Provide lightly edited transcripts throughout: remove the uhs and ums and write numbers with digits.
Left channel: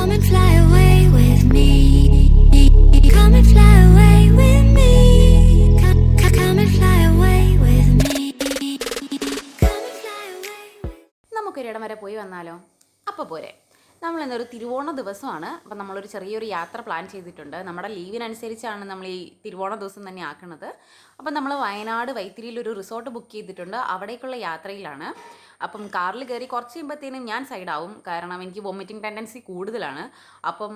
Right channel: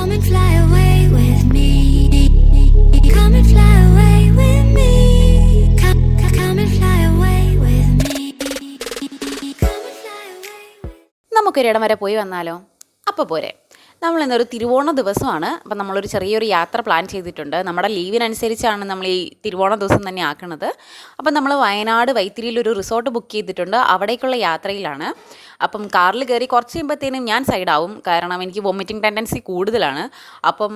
Come and fly away with me. Come and fly away with me. Come and fly away with me. Come and fly away with me. നമുക്കൊരിടം വരെ പോയി വന്നാലോ? അപ്പോൾ പോരെ. നമ്മളിന്നൊരു തിരുവോണ ദിവസമാണ്. അപ്പം നമ്മളൊരു ചെറിയൊരു യാത്ര പ്ലാൻ ചെയ്തിട്ടുണ്ട്. നമ്മുടെ ലീവിനനുസരിച്ചാണ് നമ്മൾ ഈ തിരുവോണ ദിവസം തന്നെ ആക്കുന്നത്. അപ്പം നമ്മൾ വയനാട് വൈത്തിരിയിലൊരു റിസോർട്ട് ബുക്ക് ചെയ്തിട്ടുണ്ട്. അവിടേക്കുള്ള യാത്രയിലാണ്. അപ്പം കാറിൽ കയറി കുറച്ച് കഴിയുമ്പോഴത്തേനും ഞാൻ സൈഡാവും. കാരണം എനിക്ക് വൊമിറ്റിംഗ് ടെൻഡൻസി കൂടുതലാണ്. അപ്പം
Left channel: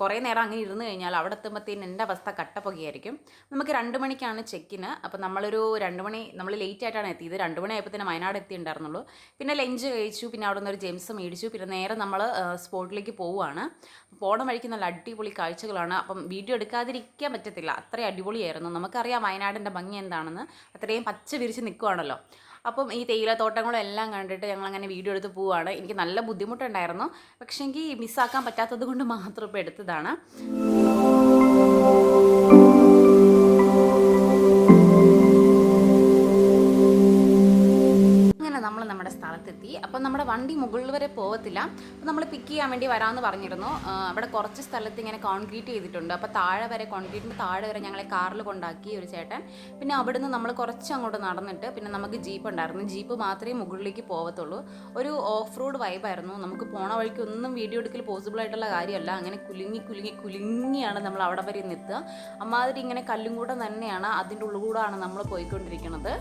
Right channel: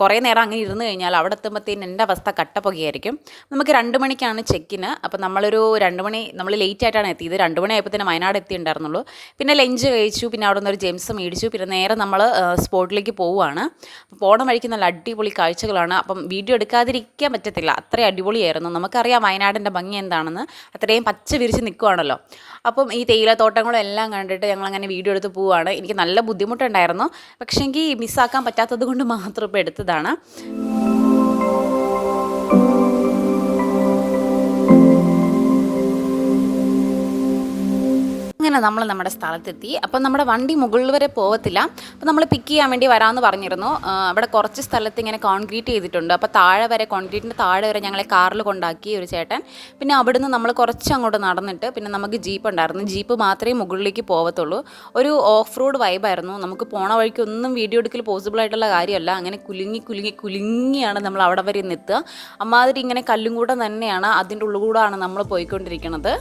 കുറേ നേരം അങ്ങനെ ഇരുന്ന് കഴിഞ്ഞാൽ അവിടെ എത്തുമ്പോഴത്തേനും എൻ്റെ അവസ്ഥ കട്ടപ്പുകയായിരിക്കും. നമുക്ക് 2 മണിക്കാണ് ചെക്കിന്. അപ്പം നമ്മളൊരു 2 മണി നമ്മൾ ലേറ്റ് ആയിട്ടാണ് എത്തിയത്. 2 മണി ആയപ്പോൾ തന്നെ വയനാട് എത്തിയിട്ടുണ്ടായിരുന്നുള്ളൂ. പിന്നെ ലഞ്ച് കഴിച്ചു. പിന്നെ അവിടെ നിന്നൊരു ജെംസ് മേടിച്ചു. പിന്നെ നേരെ നമ്മൾ സ്പോട്ടിലേക്ക് പോവുകയാണ്. പോണ വഴിക്ക് നല്ല അടിപൊളി കാഴ്ചകളാണ്. അപ്പം വീഡിയോ എടുക്കാതിരിക്കാൻ പറ്റത്തില്ല, അത്രയും അടിപൊളിയായിരുന്നു. നമുക്കറിയാം വയനാടിൻ്റെ ഭംഗി എന്താണെന്ന്. അത്രയും പച്ച വിരിച്ച് നിൽക്കുവാണല്ലോ. അപ്പം ഈ തേയിലത്തോട്ടങ്ങളും എല്ലാം കണ്ടിട്ട് ഞങ്ങളങ്ങനെ വീഡിയോ എടുത്ത് പോവുകയാണ്. എനിക്ക് നല്ല ബുദ്ധിമുട്ടുണ്ടായിരുന്നു. പക്ഷേ എനിക്ക് മിസ്സാക്കാൻ പറ്റാത്തത് കൊണ്ട് മാത്രം ഇപ്പോൾ എടുത്തതാണ്. അങ്ങനെ നമ്മൾ നമ്മുടെ സ്ഥലത്തെത്തി. അപ്പം നമ്മുടെ വണ്ടി മുകളിൽ വരെ പോകത്തില്ല. അപ്പം നമ്മൾ പിക്ക് ചെയ്യാൻ വേണ്ടി വരാമെന്ന് പറഞ്ഞിരുന്നു. അവിടെ കുറച്ച് സ്ഥലത്ത് ഇങ്ങനെ കോൺക്രീറ്റ് ചെയ്തിട്ടുണ്ട്. അപ്പോൾ താഴെ വരെ, കോൺക്രീറ്റിൻ്റെ താഴെ വരെ ഞങ്ങളെ കാറിൽ കൊണ്ടാക്കി ഒരു ചേട്ടൻ. പിന്നെ അവിടുന്ന് നമ്മൾ കുറച്ച് അങ്ങോട്ട് നടന്നിട്ട് പിന്നെ നമുക്ക് ജീപ്പ് ഉണ്ടായിരുന്നു. ജീപ്പ് മാത്രമേ മുകളിലേക്ക് പോകത്തുള്ളൂ. ഒരു ഓഫ് റോഡ് വൈബായിരുന്നു. നമുക്ക് പോണ വഴിക്ക് ഒന്നും വീഡിയോ എടുക്കൽ പോസിബിൾ ആയിട്ടുള്ള കാര്യമല്ല. അങ്ങനെ കുലുങ്ങിയാണ് നമ്മൾ അവിടെ വരെ എത്തുക. അമ്മാതിരി ഇങ്ങനെ കല്ലും കൂടെ തന്നെയാണ്, അതിൻ്റെ ഉള്ളിലൂടെയാണ് നമ്മൾ പോയിക്കൊണ്ടിരിക്കുന്നത്.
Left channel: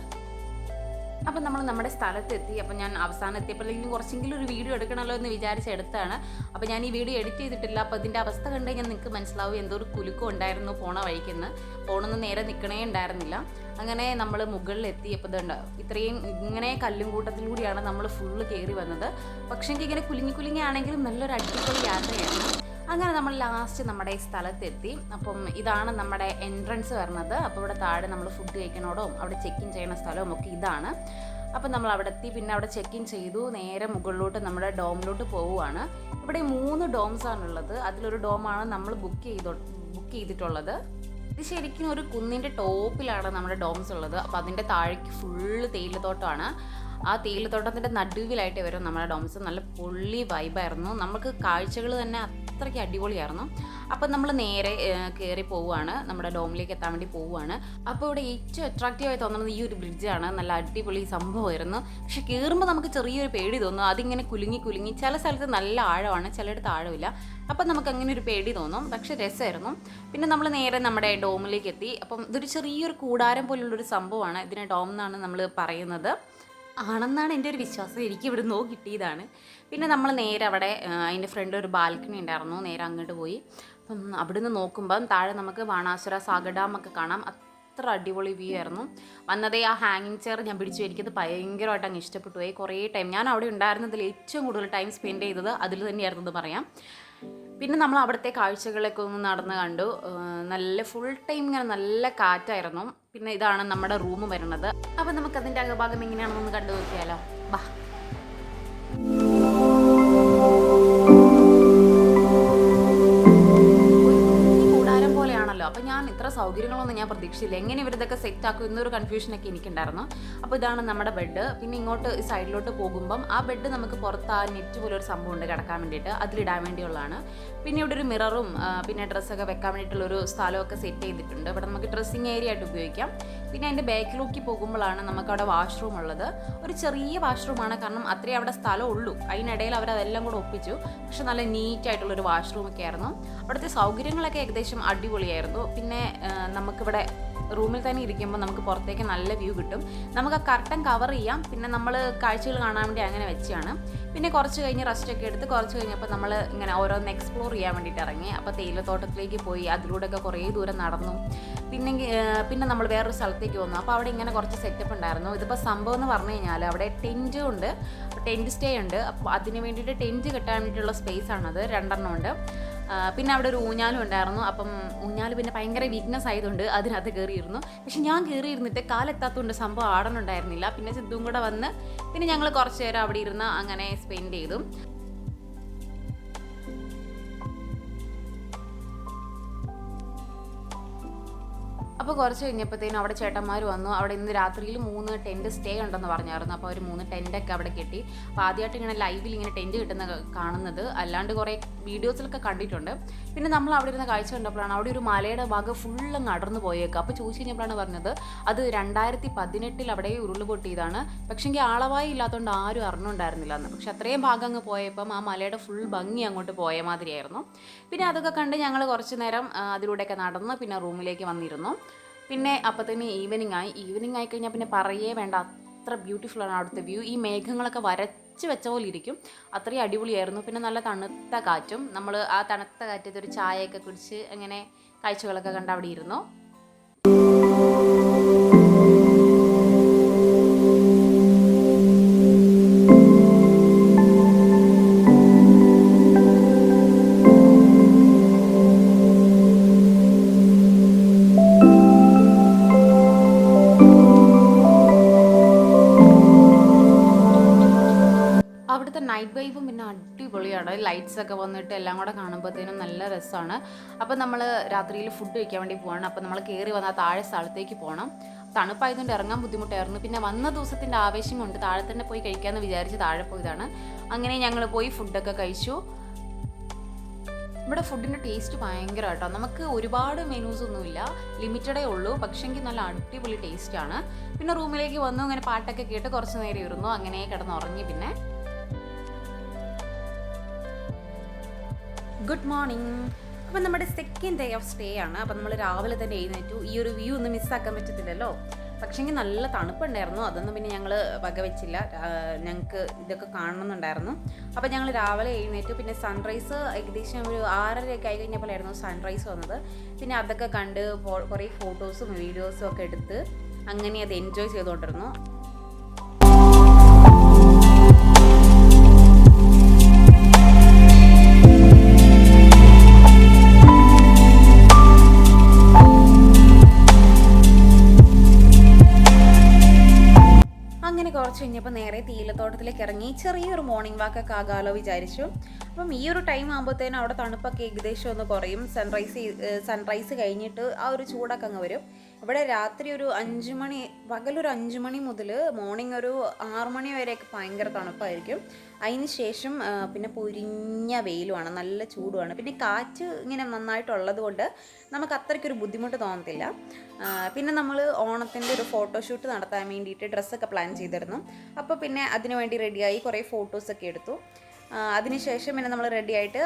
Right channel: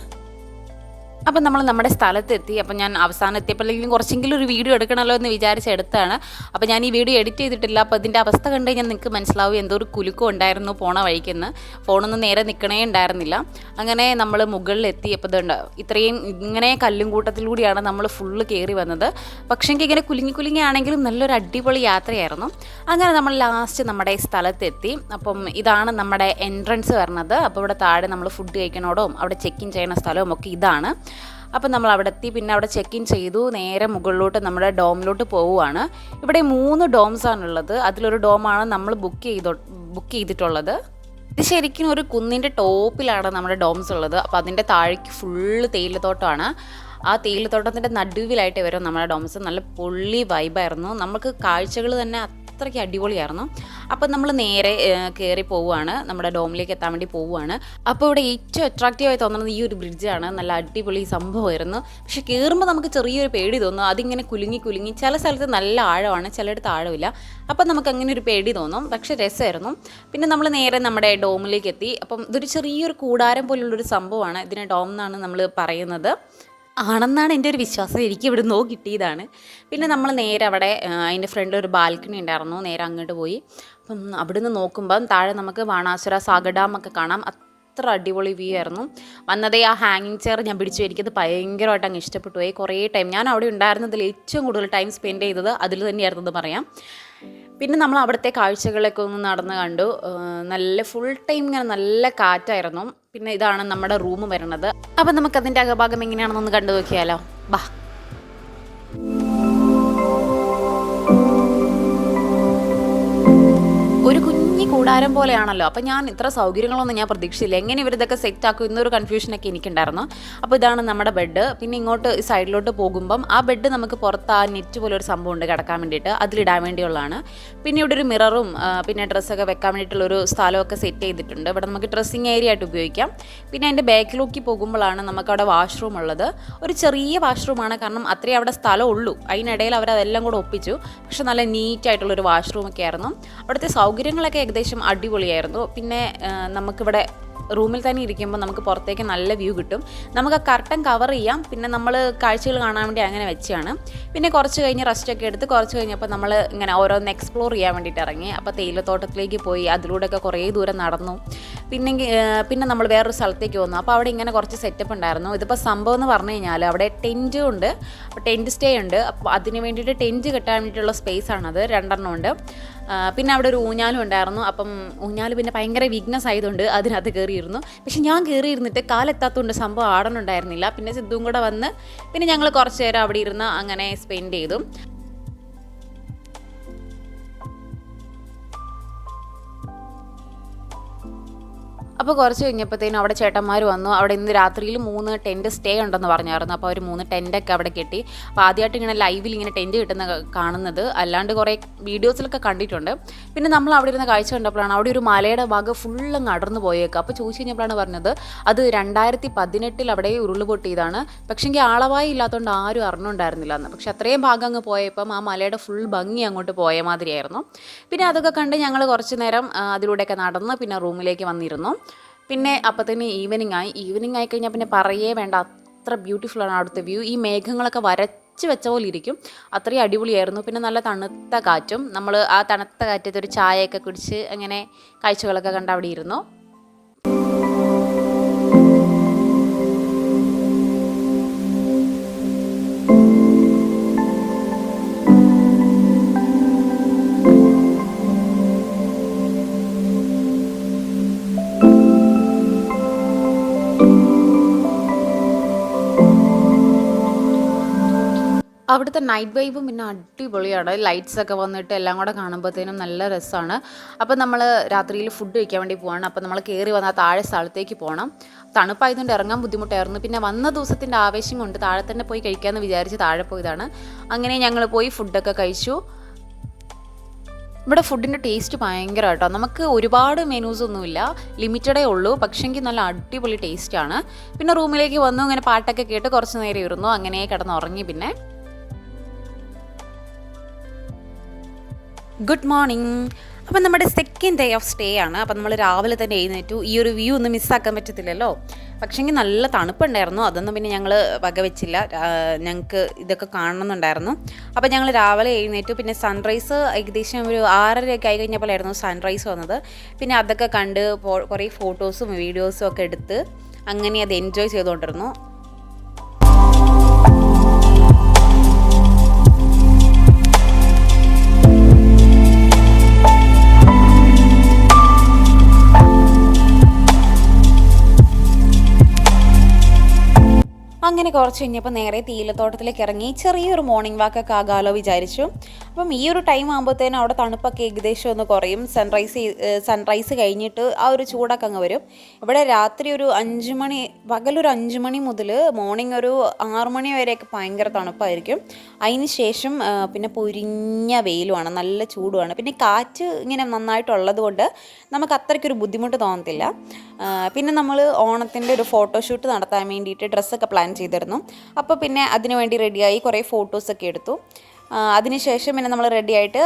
അപ്പം നമ്മൾ നമ്മുടെ സ്ഥലത്തെത്തി. അപ്പം ഞാൻ അവസാനം എത്തിയപ്പോഴെങ്കിലും കുറച്ചെങ്കിലും ഒരു വീഡിയോ എടുക്കണമല്ലോ എന്ന് വിചാരിച്ചെടുത്താണ്. അപ്പോൾ ഞാൻ ഈ വീഡിയോ എഡിറ്റ് ചെയ്തിട്ടില്ല. അപ്പോൾ ഇതിൻ്റെ അവസ്ഥ കണ്ടു കഴിഞ്ഞാൽ നിങ്ങൾക്ക് മനസ്സിലാവും എന്തോ ഒരു കുലുക്കം ഉണ്ടായിരുന്നു പോണ വഴിക്കെന്ന്. ഫോണൊന്നും നേരെ നിൽക്കണേ ഉണ്ടായിരുന്നില്ല. അങ്ങനെ നമ്മൾ മുകളിലെത്തി. അപ്പോൾ ഇതുണ്ട്, ഇത്രയും ഇങ്ങനെ കല്ലും കൂട്ടത്തിലൂടെയാണ് നമ്മൾ ഫുള്ള് കയറി വന്നത്. പക്ഷേ എനിക്ക് ഇങ്ങനെ കുലുങ്ങിയാണെങ്കിലും നല്ലൊരു അടിപൊളി യാത്രയായിരുന്നു. അങ്ങനെ നമ്മൾ ലാസ്റ്റ് നമ്മുടെ സ്ഥലത്തെത്തി. അപ്പം ഇതാണ് നമ്മുടെ എൻട്രൻസ് വരുന്നത്. അപ്പോൾ ഇവിടെ താഴെ നമ്മൾ ഫുഡ് കഴിക്കണോടും അവിടെ ചെക്ക് ഇൻ ചെയ്യുന്ന സ്ഥലവും ഒക്കെ ഇതാണ്. അപ്പം നമ്മൾ അവിടെ എത്തി. പിന്നെ അവിടെ ചെക്ക് ഇൻ ചെയ്തു. നേരെ മുകളിലോട്ട് നമ്മുടെ ഡോമിലോട്ട് പോവുകയാണ്. ഇവിടെ 3 ഡോംസാണുള്ളത്. അതിലൊരു ഡോമാണ് നമ്മൾ ബുക്ക് ചെയ്തിട്ടുള്ളത്. ഇത് ശരിക്കും ഒരു കുന്നിൻ്റെ ടോപ്പിലാണ് നമ്മുടെ ഡോംസ് ഉള്ളത്. അപ്പോൾ അതിൻ്റെ താഴേക്ക് ഫുള്ള് തേയിലത്തോട്ടമാണ്. ആ തേയിലത്തോട്ടത്തിൻ്റെ നടുവിലായിട്ട് വരും നമ്മുടെ ഡോംസ്. നല്ല പൊള്ളി വൈബായിരുന്നു. നമുക്ക് കാഴ്ചകൾ തന്നെ അത്രയ്ക്ക് അടിപൊളിയായിരുന്നു. അപ്പം നമ്മൾ നേരെ കയറി പോവുകയാണ്, നമ്മുടെ ഡോമിലേക്ക് എത്താൻ വേണ്ടി പോവുകയാണ്. അപ്പോൾ ഇവിടെ ഏറ്റവും അട്രാക്റ്റീവായി തോന്നുന്നത് ഈ ഒരു ബ്രിഡ്ജാണ്. നല്ല അടിപൊളി സംഭവമായിരുന്നു. പക്ഷെ കയറുമ്പോൾ നമുക്ക് ചെറിയൊരു പേടി തോന്നും. അതിങ്ങനെ കുലുങ്ങി ചില സ്ഥലത്ത് നല്ല ആഴമാണ്, ചിലയിടത്ത് ആഴമില്ല. അപ്പം നമുക്ക് അങ്ങനെ ഒരു പേടി തോന്നും. പക്ഷെ രസമായിരുന്നു. പിന്നെ നമ്മൾ നേരെ നമ്മുടെ ഡോമിലേക്ക് എത്തി. അപ്പം ഇതൊരു ചെറിയൊരു കൂടാരം പോലുള്ളൊരു സംഭവമാണ്. ഇതിനെ ഡോം എന്നാണ് നമ്മൾ പറയുന്നത്. ആണെന്നാണ് എൻ്റെ ഒരു വിശ്വാസം. എനിക്ക് ഇവിടെ നിന്ന് കിട്ടിയതാണ്. പിന്നെ നമ്മൾ നേരെ അവിടെ അതിൻ്റെ ഫ്രണ്ടിൽ ഒരു ബാൽക്കണി ഉണ്ടായിരുന്നു. നേരെ അങ്ങോട്ട് പോയി. അപ്പം അവിടെ നിന്ന് നോക്കുമ്പം താഴെ നമുക്ക് ബാണാസുര സാഗർ ഡാമൊക്കെ കാണാം. അത്ര അടിപൊളി വ്യൂ ആയിരുന്നു. വന്നതേ ആ ഹാങ്ങിങ് ചെയർ ഞാൻ പിടിച്ചു. എനിക്കത് ഭയങ്കരമായിട്ട് അങ്ങ് ഇഷ്ടപ്പെട്ടു പോയി. കുറേ ടൈം ഞാൻ അവിടെ ഉണ്ടായിരുന്നതിൽ ഏറ്റവും കൂടുതൽ ടൈം സ്പെൻഡ് ചെയ്തത് അതിൽ തന്നെയായിരുന്നത് പറയാം. പിന്നെ നമ്മൾ അവിടുത്തെ കാഴ്ചകളൊക്കെ ഒന്ന് നടന്ന് കണ്ടു. നല്ല ഫുൾ ടൈം ഇങ്ങനെ നല്ല കാറ്റായിരുന്നു. പിന്നെ ഇതാണ് നമ്മുടെ റൂം വരുന്നത്. അപ്പം നമുക്കതിൻ്റെ അകഭാഗം എങ്ങനെയാണെന്നൊന്ന് കണ്ടു നോക്കിയാലോ. ബാ. കൂടാരം പോലെയാണല്ലോ. അപ്പോൾ ഞാൻ ഇത്ര സൗകര്യങ്ങളൊന്നും ഞാൻ പ്രതീക്ഷിച്ചില്ല. എങ്ങനെ ഇവരിതൊക്കെ സെറ്റാക്കും എന്നൊരു കൺഫ്യൂഷനൊക്കെ എനിക്കുണ്ടായിരുന്നു. അപ്പോൾ ഇതാണ് നമ്മുടെ ബെഡ്. പിന്നെ ഇങ്ങോട്ട് സൈഡിലോട്ട് പോകുമ്പം ആ ബെഡ് നമുക്ക് പുറത്ത് ആ നെറ്റ് പോലെ ഒരു സംഭവം ഉണ്ട് കിടക്കാൻ വേണ്ടിയിട്ട്, അതിലിടാൻ വേണ്ടിയുള്ളതാണ്. പിന്നെ ഇവിടെ ഒരു മിററും പിന്നെ ഡ്രസ്സൊക്കെ വെക്കാൻ വേണ്ടിയിട്ടുള്ളൊരു സ്ഥലമൊക്കെ സെറ്റ് ചെയ്തിട്ടുണ്ട്. ഇവിടെ നമുക്ക് ഡ്രസ്സിങ് ഏരിയ ആയിട്ട് ഉപയോഗിക്കാം. പിന്നെ അതിൻ്റെ ബാക്കിലേക്ക് പോകുമ്പോഴാണ് നമുക്കവിടെ വാഷ്റൂം ഉള്ളത്. ഒരു ചെറിയ വാഷ്റൂമാണ്, കാരണം അത്രയും അവിടെ സ്ഥലം ഉള്ളൂ. അതിനിടയിൽ അവരതെല്ലാം കൂടെ ഒപ്പിച്ചു. പക്ഷെ നല്ല നീറ്റായിട്ടുള്ളൊരു വാഷ്റൂമൊക്കെ ആയിരുന്നു. അവിടുത്തെ സൗകര്യങ്ങളൊക്കെ ഏകദേശം അടിപൊളിയായിരുന്നു. പിന്നെ നമുക്കിവിടെ റൂമിൽ തന്നെ ഇരിക്കുമ്പോൾ നമുക്ക് പുറത്തേക്ക് നല്ല വ്യൂ കിട്ടും. നമുക്ക് ആ കർട്ടൻ കവർ ചെയ്യാം. പിന്നെ നമ്മൾ കാഴ്ചകൾ കാണാൻ വേണ്ടി അങ്ങനെ വെച്ചാണ്. പിന്നെ കുറച്ച് കഴിഞ്ഞ് റെസ്റ്റൊക്കെ എടുത്ത് കുറച്ച് കഴിഞ്ഞപ്പോൾ നമ്മൾ ഇങ്ങനെ ഓരോന്ന് എക്സ്പ്ലോർ ചെയ്യാൻ വേണ്ടിയിട്ട് ഇറങ്ങി. അപ്പോൾ തേയിലത്തോട്ടത്തിലേക്ക് പോയി, അതിലൂടെയൊക്കെ കുറേ ദൂരം നടന്നു. പിന്നെ നമ്മൾ വേറൊരു സ്ഥലത്തേക്ക് വന്നു. അപ്പോൾ അവിടെ ഇങ്ങനെ കുറച്ച് സെറ്റപ്പ് ഉണ്ടായിരുന്നു. ഇതിപ്പോൾ സംഭവം എന്ന് പറഞ്ഞു കഴിഞ്ഞാൽ അവിടെ ടെൻറ്റും ഉണ്ട്, ടെൻറ്റ് സ്റ്റേ ഉണ്ട്. അപ്പോൾ അതിന് വേണ്ടിയിട്ട് ടെൻറ്റ് കെട്ടാൻ വേണ്ടിയിട്ടുള്ള സ്പേസാണത്. 2 ഉണ്ട്. പിന്നെ അവിടെ ഒരു ഊഞ്ഞാലും ഉണ്ടായിരുന്നു. അപ്പം ഊഞ്ഞാൽ പിന്നെ ഭയങ്കര വീക്ക്നെസ് ആയതുകൊണ്ട് അതിനകത്ത് കയറിയിരുന്നു. പക്ഷെ ഞാൻ കയറിയിരുന്നിട്ട് കാലെത്താത്തതുകൊണ്ട് സംഭവം ആടണുണ്ടായിരുന്നില്ല. പിന്നെ സിദ്ധുവും കൂടെ വന്ന് പിന്നെ ഞങ്ങൾ കുറച്ച് നേരം അവിടെ ഇരുന്ന് അങ്ങനെ സ്പെൻഡ് ചെയ്തു. അപ്പോൾ അപ്പോൾ കുറച്ച് കഴിഞ്ഞപ്പോഴത്തേനും അവിടെ ചേട്ടന്മാർ വന്നു. അവിടെ ഇന്ന് രാത്രിയിൽ 3 ടെൻറ്റ് സ്റ്റേ ഉണ്ടെന്ന് പറഞ്ഞായിരുന്നു. അപ്പോൾ അവർ 3 ടെൻറ്റൊക്കെ അവിടെ കെട്ടി. അപ്പോൾ ആദ്യമായിട്ട് ഇങ്ങനെ ലൈവിൽ ഇങ്ങനെ ടെൻറ്റ് കിട്ടുന്ന കാണുന്നത്, അല്ലാണ്ട് കുറേ വീഡിയോസിലൊക്കെ കണ്ടിട്ടുണ്ട്. പിന്നെ നമ്മൾ അവിടെ ഇരുന്ന കാഴ്ച കണ്ടപ്പോഴാണ് അവിടെ ഒരു മലയുടെ ഭാഗം ഫുള്ള് അടർന്നു പോയേക്കുക. അപ്പോൾ ചോദിച്ചു കഴിഞ്ഞപ്പോഴാണ് പറഞ്ഞത് അത് 2018 അവിടെ ഉരുളുപൊട്ടിയതാണ്. പക്ഷേങ്കിൽ ആളവായി ഇല്ലാത്തതുകൊണ്ട് ആരും അറിഞ്ഞുണ്ടായിരുന്നില്ല എന്ന്. പക്ഷെ അത്രയും ഭാഗം അങ്ങ് പോയപ്പം ആ മലയുടെ ഫുൾ ഭംഗി അങ്ങോട്ട് പോയ മാതിരിയായിരുന്നു. പിന്നെ അതൊക്കെ കണ്ട് ഞങ്ങൾ കുറച്ച് നേരം അതിലൂടെയൊക്കെ നടന്ന് പിന്നെ റൂമിലേക്ക് വന്നിരുന്നു. പിന്നെ അപ്പോഴത്തേന് ഈവനിങ് ആയിക്കഴിഞ്ഞാൽ പിന്നെ പറയേ വേണ്ട, അത്ര ബ്യൂട്ടിഫുള്ളാണ് അവിടുത്തെ വ്യൂ. ഈ മേഘങ്ങളൊക്കെ വരച്ച് വെച്ച പോലെ ഇരിക്കും, അത്രയും അടിപൊളിയായിരുന്നു. പിന്നെ നല്ല തണുത്ത കാറ്റും, നമ്മൾ ആ തണുത്ത കാറ്റത്ത് ഒരു ചായയൊക്കെ കുടിച്ച് അങ്ങനെ കാഴ്ചകളൊക്കെ കണ്ട് അവിടെ ഇരുന്നു. അവിടുത്തെ നൈറ്റ് വൈബും പിന്നെ അടിപൊളിയാണ്. ലൈറ്റ്സൊക്കെ വന്നിട്ട് എല്ലാം കൂടെ കാണുമ്പോഴത്തേനും നല്ല രസമാണ്. അപ്പോൾ നമ്മൾ രാത്രിയിൽ ഫുഡ് കഴിക്കാൻ വേണ്ടി പോവാണ്. അപ്പോൾ നമ്മൾ കയറി വന്നാൽ താഴെ സ്ഥലത്തേക്ക് പോകണം. തണുപ്പായതുകൊണ്ട് ഇറങ്ങാൻ ബുദ്ധിമുട്ടായിരുന്നു. പിന്നെ വന്ന ദിവസത്തിൻ്റെ ആവേശം കൊണ്ട് താഴെ തന്നെ പോയി കഴിക്കാമെന്ന് വിചാരിച്ച് താഴെ പോയതാണ്. അങ്ങനെ ഞങ്ങൾ പോയി ഫുഡൊക്കെ കഴിച്ചു. ഇവിടെ ഫുഡിൻ്റെ ടേസ്റ്റ് ഭയങ്കര കേട്ടോ. നമുക്ക് ഒരുപാട് മെനൂസ് ഒന്നുമില്ല, ലിമിറ്റഡേ ഉള്ളൂ. പക്ഷേങ്കിൽ നല്ല അടിപൊളി ടേസ്റ്റാണ്. പിന്നെ റൂമിലേക്ക് വന്നു, ഇങ്ങനെ പാട്ടൊക്കെ കേട്ട് കുറച്ച് നേരം ഇരുന്നു. അങ്ങനെ കിടന്നുറങ്ങി. പിന്നെ ഗുഡ് മോർണിംഗ്. അപ്പം നമ്മുടെ സെക്കൻഡ് ഡേ ഓഫ് സ്റ്റേ ആണ്. അപ്പം നമ്മൾ രാവിലെ തന്നെ എഴുന്നേറ്റു. ഈ ഒരു വ്യൂ ഒന്നും മിസ്സാക്കാൻ പറ്റത്തില്ലല്ലോ. പക്ഷേങ്കിൽ നല്ല തണുപ്പുണ്ടായിരുന്നു, അതൊന്നും പിന്നെ ഞങ്ങൾ വകവെച്ചില്ല. ഞങ്ങൾക്ക് ഇതൊക്കെ കാണണമെന്നുണ്ടായിരുന്നു. അപ്പോൾ ഞങ്ങൾ രാവിലെ എഴുന്നേറ്റു. പിന്നെ സൺറൈസ് ഏകദേശം ഒരു 6:30 ആയി കഴിഞ്ഞപ്പോഴായിരുന്നു സൺറൈസ് വന്നത്. പിന്നെ അതൊക്കെ കണ്ട് കുറേ ഫോട്ടോസും വീഡിയോസും ഒക്കെ എടുത്ത് അങ്ങനെ അത് എൻജോയ് ചെയ്തുകൊണ്ടിരുന്നു. അങ്ങനെ കുറച്ച് കഴിഞ്ഞപ്പോൾ നേരെ തേയിലത്തോട്ടത്തിലേക്ക് ഇറങ്ങി ചെറിയൊരു മോർണിംഗ് വാക്കൊക്കെ ആകാമല്ലോ വിചാരിച്ചു. അപ്പം ഈ ഒരു ടൈം ആകുമ്പോഴത്തേനും അവിടെ തണുപ്പൊക്കെ ഏകദേശം ഒന്ന് കുറയും. സൺറൈസ് കഴിഞ്ഞിട്ട് ആ ഒരു ചൂടൊക്കെ അങ്ങ് വരും. ഇവിടെ രാത്രി ഒരു 5 മണി, പകലൊരു 5 മണി മുതൽ മോർണിംഗ് ഒരു 6 മണി വരെയൊക്കെ ഭയങ്കര തണുപ്പായിരിക്കും. അതിന് ശേഷം പിന്നെ പൊരിഞ്ഞ വെയിലുമാണ്, നല്ല ചൂടുമാണ്. പിന്നെ കാറ്റ് ഇങ്ങനെ നന്നായിട്ടുള്ളത് കൊണ്ട് നമുക്ക് അത്രയ്ക്കൊരു ബുദ്ധിമുട്ട് തോന്നത്തില്ല. പിന്നെ നമ്മൾ ഓണത്തിൻ്റെ ഒരു ഫോട്ടോഷൂട്ട് നടത്താൻ വേണ്ടിയിട്ട് ഡ്രസ്സൊക്കെ പ്ലാൻ ചെയ്തിരുന്നു. അപ്പോൾ പിന്നെ അതിന് വേണ്ടി റെഡിയായി കുറേ ഫോട്ടോസൊക്കെ എടുത്തു. അതിനുശേഷം പിന്നെ നമ്മൾ റെഡിയായിട്ട്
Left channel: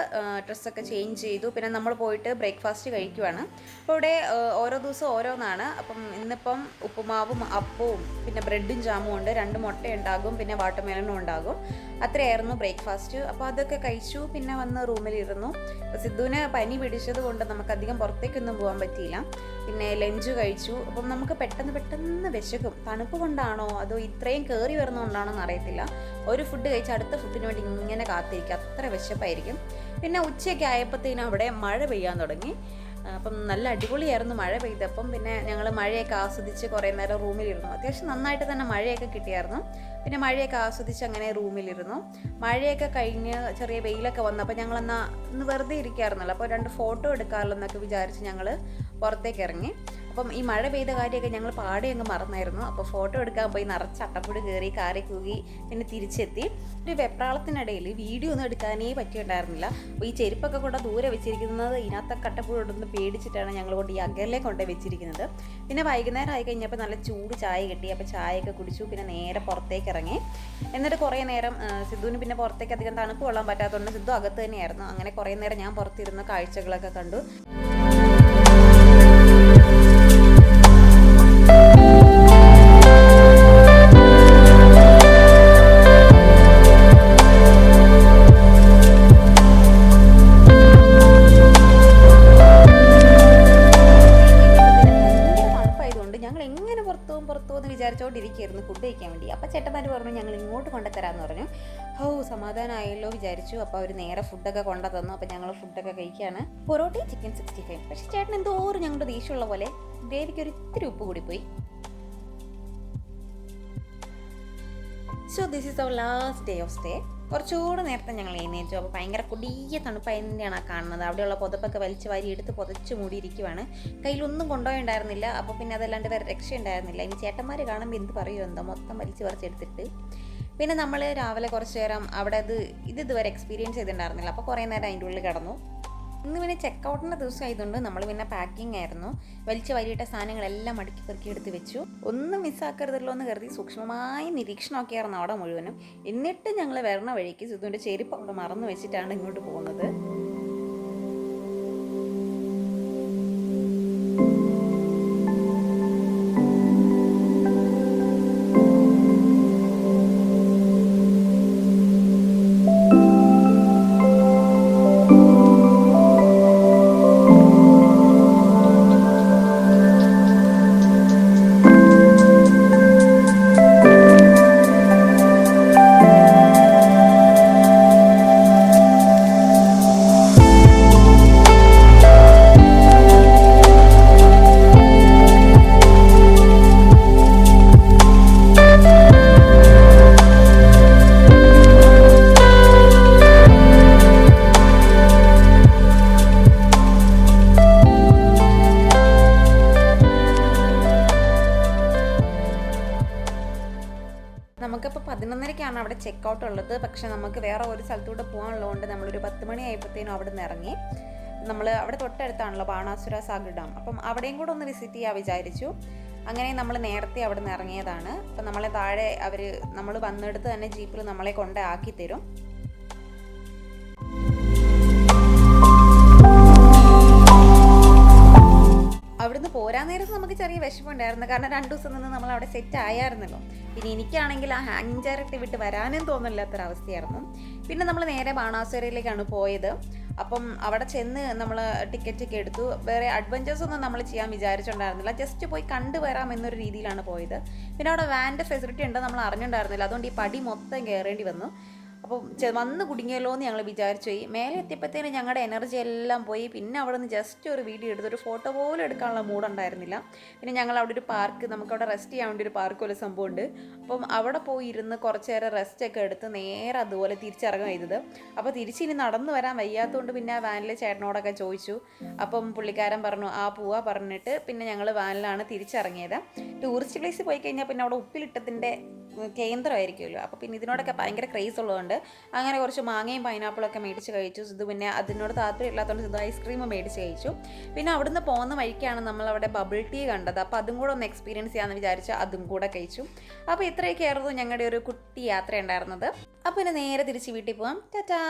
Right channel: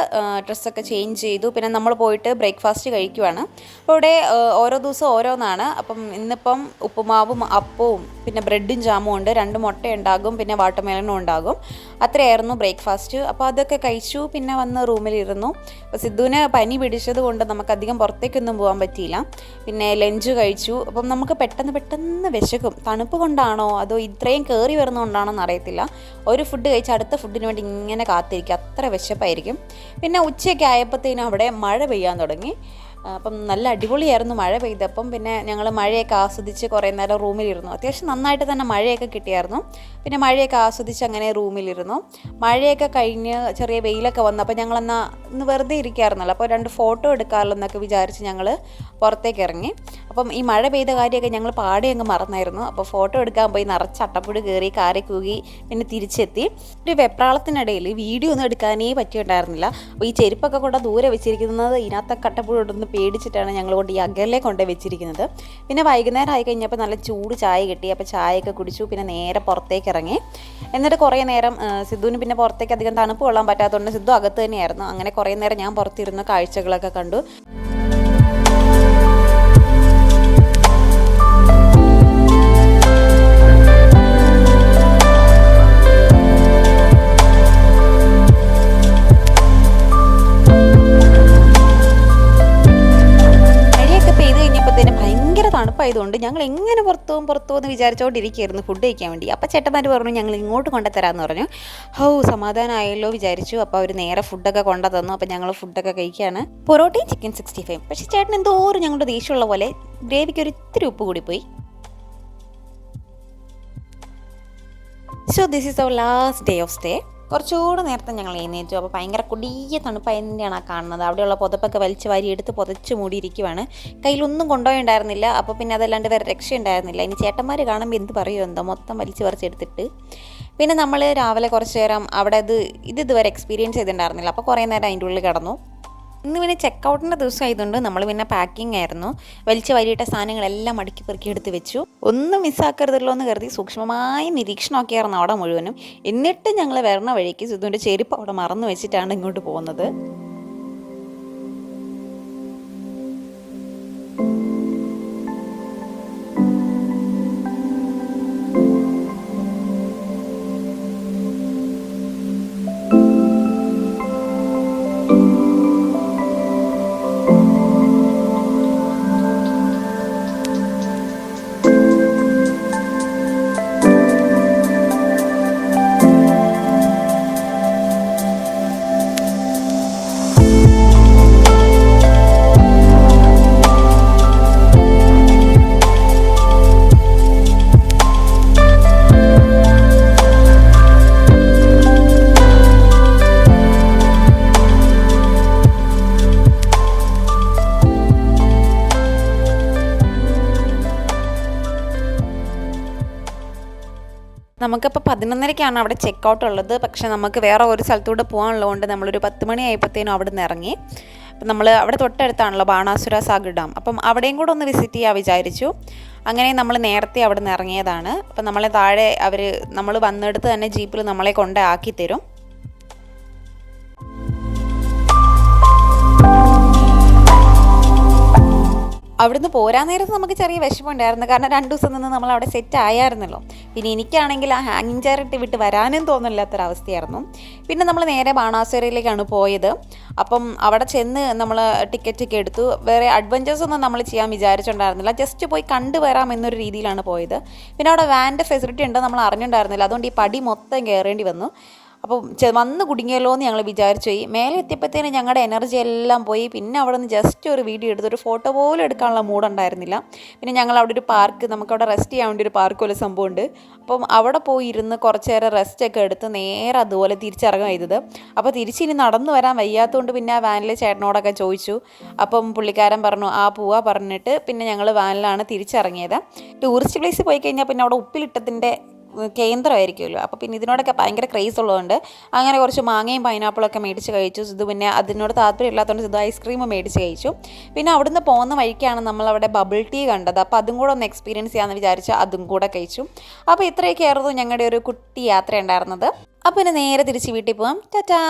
ഡ്രസ്സൊക്കെ ചേഞ്ച് ചെയ്തു. പിന്നെ നമ്മൾ പോയിട്ട് ബ്രേക്ക്ഫാസ്റ്റ് കഴിക്കുവാണ്. അപ്പോൾ ഇവിടെ ഓരോ ദിവസം ഓരോന്നാണ്. അപ്പം ഇന്നിപ്പം ഉപ്പുമാവും അപ്പവും പിന്നെ ബ്രെഡും ജാമും ഉണ്ട്, 2 മുട്ട ഉണ്ടാകും, പിന്നെ വാട്ടർമെലനും ഉണ്ടാകും. അത്രയായിരുന്നു ബ്രേക്ക്ഫാസ്റ്റ്. അപ്പോൾ അതൊക്കെ കഴിച്ചു. പിന്നെ വന്ന് റൂമിലിരുന്നു. അപ്പോൾ സിദ്ധുവിന് പനി പിടിച്ചത് കൊണ്ട് നമുക്കധികം പുറത്തേക്കൊന്നും പോകാൻ പറ്റിയില്ല. പിന്നെ ലഞ്ച് കഴിച്ചു. അപ്പം നമുക്ക് പെട്ടെന്ന് വിശക്കും. തണുപ്പ് കൊണ്ടാണോ അതോ ഇത്രയും കയറി വരുന്നതുകൊണ്ടാണോ എന്നറിയത്തില്ല. ഒരു ഫുഡ് കഴിച്ച് അടുത്ത ഫുഡിന് വേണ്ടി ഇങ്ങനെ കാത്തിരിക്കുക, അത്ര വിശപ്പായിരിക്കും. പിന്നെ ഉച്ചയൊക്കെ ആയപ്പോഴത്തേനും അവിടെ മഴ പെയ്യാൻ തുടങ്ങി. അപ്പം നല്ല അടിപൊളിയായിരുന്നു മഴ പെയ്തപ്പം. പിന്നെ ഞങ്ങൾ മഴയൊക്കെ ആസ്വദിച്ച് കുറേ നേരം റൂമിലിരുന്നു. അത്യാവശ്യം നന്നായിട്ട് തന്നെ മഴയൊക്കെ കിട്ടിയായിരുന്നു. പിന്നെ മഴയൊക്കെ ആസ്വദിച്ച് അങ്ങനെ റൂമിലിരുന്നു. മഴയൊക്കെ കഴിഞ്ഞ് ചെറിയ വെയിലൊക്കെ വന്നപ്പോൾ ഞങ്ങളെന്നാൽ ഇന്ന് വെറുതെ ഇരിക്കാറുണ്ടല്ലോ, അപ്പോൾ 2 ഫോട്ടോ എടുക്കാമല്ലോ എന്നൊക്കെ വിചാരിച്ച് ഞങ്ങൾ പുറത്തേക്ക് ഇറങ്ങി. അപ്പം ഈ മഴ പെയ്ത കാര്യമൊക്കെ ഞങ്ങൾ പാടെ അങ്ങ് മറന്നായിരുന്നു. അപ്പോൾ ഫോട്ടോ എടുക്കാൻ പോയി നിറച്ച് അട്ടപ്പുടി കയറി കാറി കൂകി പിന്നെ തിരിച്ചെത്തി. ഒരു വെപ്രാളത്തിനിടയിൽ വീഡിയോ ഒന്നും എടുക്കാനേ പറ്റിയിട്ടുണ്ടായിരുന്നില്ല. അപ്പോൾ ഈ ചെരുപ്പൊക്കെ കൊണ്ട് ദൂരെ വെച്ചിരിക്കുന്നത് ഇതിനകത്തൊക്കെ അട്ടപ്പുടി കൊണ്ടൊന്ന് പേടിച്ചിട്ടാണ് ഞങ്ങൾ കൊണ്ട് ഈ അകലെ കൊണ്ട് വെച്ചിരിക്കുന്നത്. പിന്നെ വൈകുന്നേരം ആയി കഴിഞ്ഞപ്പോൾ നല്ല ചൂട് ചായ കിട്ടി. അപ്പോൾ ചായയൊക്കെ കുടിച്ചു. പിന്നെ നേരെ പുറത്തേക്ക് ഇറങ്ങി. എന്നിട്ട് കുറേ നേരം സിദ്ധുവിന് പിന്നെ പുറത്തേക്ക് അധികം തണുപ്പ് കൊള്ളാൻ പറ്റാത്തതുകൊണ്ട് സിദ്ധു അകത്ത് തന്നെയായിരുന്നു. അങ്ങനെ കുറേ നേരം ഞാൻ പുറത്തിരുന്ന് കാഴ്ചകളൊക്കെ കണ്ടു. ആയതുകൊണ്ട് ഞങ്ങൾ എങ്ങനെ പുറത്തു പോകുമെന്ന് വിചാരിച്ചുകൊണ്ടിരിക്കുകയായിരുന്നു ഫുഡ് കഴിക്കാൻ വേണ്ടി. അപ്പോൾ ചേട്ടന്മാർ പറഞ്ഞു ഞങ്ങൾ ഇങ്ങോട്ട് കൊണ്ടുതരാമെന്ന് പറഞ്ഞു. സമാധാനമായല്ലോ വിചാരിച്ചു. അപ്പോൾ അവർ നേരെ ഫുഡൊക്കെ കൊണ്ടു തന്നു. അപ്പോൾ ഞങ്ങൾ ഫുഡൊക്കെ കഴിക്കുകയാണ്. പൊറോട്ടയും ചിക്കൻ 65. പക്ഷേ ചേട്ടൻ എന്തോരം ഞങ്ങളുടെ ദേഷ്യമുള്ള പോലെ ഗ്രേവിക്ക് ഒരു ഇത്തിരി ഉപ്പ് കൂടിപ്പോയി. So this is our last day of stay. കുറച്ചുകൂടെ നേരത്തെ ഞങ്ങൾ എഴുന്നേറ്റു. അപ്പോൾ ഭയങ്കര കൊടിയ തണുപ്പായതിൻ്റെയാണ് ആ കാണുന്നത്. അവിടെയുള്ള പുതപ്പൊക്കെ വലിച്ച് വാരി എടുത്ത് പുതച്ച് മൂടിയിരിക്കുവാണ്. കയ്യിലൊന്നും കൊണ്ടുപോയിണ്ടായിരുന്നില്ല. അപ്പോൾ പിന്നെ അതല്ലാണ്ട് വേറെ രക്ഷയുണ്ടായിരുന്നില്ല. ഇനി ചേട്ടന്മാർ കാണുമ്പോൾ എന്ത് പറയുമോ എന്തോ, മൊത്തം വലിച്ച് പറിച്ചെടുത്തിട്ട്. പിന്നെ നമ്മൾ രാവിലെ കുറച്ച് നേരം അവിടെ ഇതുവരെ എക്സ്പീരിയൻസ് ചെയ്തിട്ടുണ്ടായിരുന്നില്ല. അപ്പോൾ കുറേ നേരം അതിൻ്റെ ഉള്ളിൽ കിടന്നു. ഇന്ന് പിന്നെ ചെക്കൗട്ടിൻ്റെ ദിവസം ആയതുകൊണ്ട് നമ്മൾ പിന്നെ പാക്കിംഗ് ആയിരുന്നു. വലിച്ച് വാരിയിട്ട സാധനങ്ങളെല്ലാം മടക്കി പെറുക്കി എടുത്ത് വെച്ചു. ഒന്നും മിസ്സാക്കരുതല്ലോ എന്ന് കരുതി സൂക്ഷ്മമായി നിരീക്ഷണമൊക്കെയായിരുന്നു അവിടെ മുഴുവനും. എന്നിട്ട് ഞങ്ങൾ വരണ വഴിക്ക് സിദ്ധുവിൻ്റെ ചെരുപ്പ് അവിടെ മറന്നു വെച്ചിട്ടാണ് ഇങ്ങോട്ട് പോകുന്നത്. നമുക്കിപ്പോൾ 11:30ക്കാണ് അവിടെ ചെക്കൗട്ട് ഉള്ളത്. പക്ഷേ നമുക്ക് വേറെ ഒരു സ്ഥലത്തൂടെ പോകാനുള്ളതുകൊണ്ട് നമ്മളൊരു 10 മണി ആയപ്പോഴത്തേനും അവിടെ നിന്ന് ഇറങ്ങി. അപ്പം നമ്മൾ അവിടെ തൊട്ടടുത്താണല്ലോ ബാണാസുര സാഗർ ഡാം. അപ്പം അവിടെയും കൂടെ ഒന്ന് വിസിറ്റ് ചെയ്യാൻ വിചാരിച്ചു. അങ്ങനെ നമ്മൾ നേരത്തെ അവിടെ നിന്ന് ഇറങ്ങിയതാണ്. അപ്പം നമ്മളെ താഴെ നമ്മൾ വന്നെടുത്ത് തന്നെ ജീപ്പിൽ നമ്മളെ കൊണ്ടാക്കി തരും. അവിടുന്ന് പോരാൻ നേരത്ത് നമുക്ക് ചെറിയ വിഷമമുണ്ടായിരുന്നു. കാരണം 2 ദിവസം നിന്ന് നമ്മൾ അവിടെ സെറ്റ് ആയായിരുന്നല്ലോ. പിന്നെ എനിക്കാണെങ്കിൽ ആ ഹാങ്ങിങ് ചെയർ ഇട്ട് വിട്ട് വരാനും തോന്നില്ലാത്തൊരവസ്ഥയായിരുന്നു. പിന്നെ നമ്മൾ നേരെ ബാണാസുരയിലേക്കാണ് പോയത്. അപ്പം അവിടെ ചെന്ന് നമ്മൾ ടിക്കറ്റൊക്കെ എടുത്തു. വേറെ അഡ്വഞ്ചേഴ്സ് ഒന്നും നമ്മൾ ചെയ്യാൻ വിചാരിച്ചിട്ടുണ്ടായിരുന്നില്ല. ജസ്റ്റ് പോയി കണ്ടു വരാം എന്നൊരു രീതിയിലാണ് പോയത്. പിന്നെ അവിടെ വാൻ്റെ ഫെസിലിറ്റി ഉണ്ട് നമ്മൾ അറിഞ്ഞിട്ടുണ്ടായിരുന്നില്ല. അതുകൊണ്ട് ഈ പടി മൊത്തം കയറേണ്ടി വന്നു. അപ്പോൾ വന്ന് കുടുങ്ങിയല്ലോ എന്ന് ഞങ്ങൾ വിചാരിച്ചു പോയി. മേലെ എത്തിയപ്പോഴത്തേനും ഞങ്ങളുടെ എനർജി എല്ലാം പോയി. പിന്നെ അവിടെ നിന്ന് ജസ്റ്റ് ഒരു വീഡിയോ എടുത്ത് ഒരു ഫോട്ടോ പോലും എടുക്കാനുള്ള മൂഡുണ്ടായിരുന്നില്ല. പിന്നെ ഞങ്ങൾ അവിടെ ഒരു പാർക്ക്, നമുക്കവിടെ റെസ്റ്റ് ചെയ്യാൻ വേണ്ടി ഒരു പാർക്ക് പോലെ സംഭവമുണ്ട്. അപ്പം അവിടെ പോയി ഇരുന്ന് കുറച്ച് നേരം റെസ്റ്റൊക്കെ എടുത്ത് നേരെ അതുപോലെ തിരിച്ചിറങ്ങുക ചെയ്തത്. അപ്പോൾ തിരിച്ചിനി നടന്നു വരാൻ വയ്യാത്തതുകൊണ്ട് പിന്നെ ആ വാനിലെ ചേട്ടനോടൊക്കെ ചോദിച്ചു. അപ്പം പുള്ളിക്കാരൻ പറഞ്ഞു പോവാ പറഞ്ഞിട്ട് പിന്നെ ഞങ്ങൾ വാനിലാണ് തിരിച്ചിറങ്ങിയത്. ടൂറിസ്റ്റ് പ്ലേസ് പോയി കഴിഞ്ഞാൽ പിന്നെ അവിടെ ഉപ്പിലിട്ടത്തിൻ്റെ കേന്ദ്രമായിരിക്കുമല്ലോ. അപ്പോൾ പിന്നെ ഇതിനോടൊക്കെ ഭയങ്കര ക്രേസ് ഉള്ളതുകൊണ്ട് അങ്ങനെ കുറച്ച് മാങ്ങയും പൈനാപ്പിളൊക്കെ മേടിച്ച് കഴിച്ചു. ഇത് പിന്നെ അതിനോട് താല്പര്യമില്ലാത്തതുകൊണ്ട് ഇത് ഐസ്ക്രീം മേടിച്ച് കഴിച്ചു. പിന്നെ അവിടുന്ന് പോകുന്ന വഴിക്കാണ് നമ്മളവിടെ ബബിൾ ടീ കണ്ടത്. അപ്പോൾ അതും കൂടെ ഒന്ന് എക്സ്പീരിയൻസ് ചെയ്യാമെന്ന് വിചാരിച്ച് അതും കൂടെ കഴിച്ചു. അപ്പോൾ ഇത്രയൊക്കെയായിരുന്നു ഞങ്ങളുടെ ഒരു കുട്ടി യാത്ര ഉണ്ടായിരുന്നത്. അപ്പോൾ പിന്നെ നേരെ തിരിച്ച് വീട്ടിൽ പോകാം. ടാറ്റാ.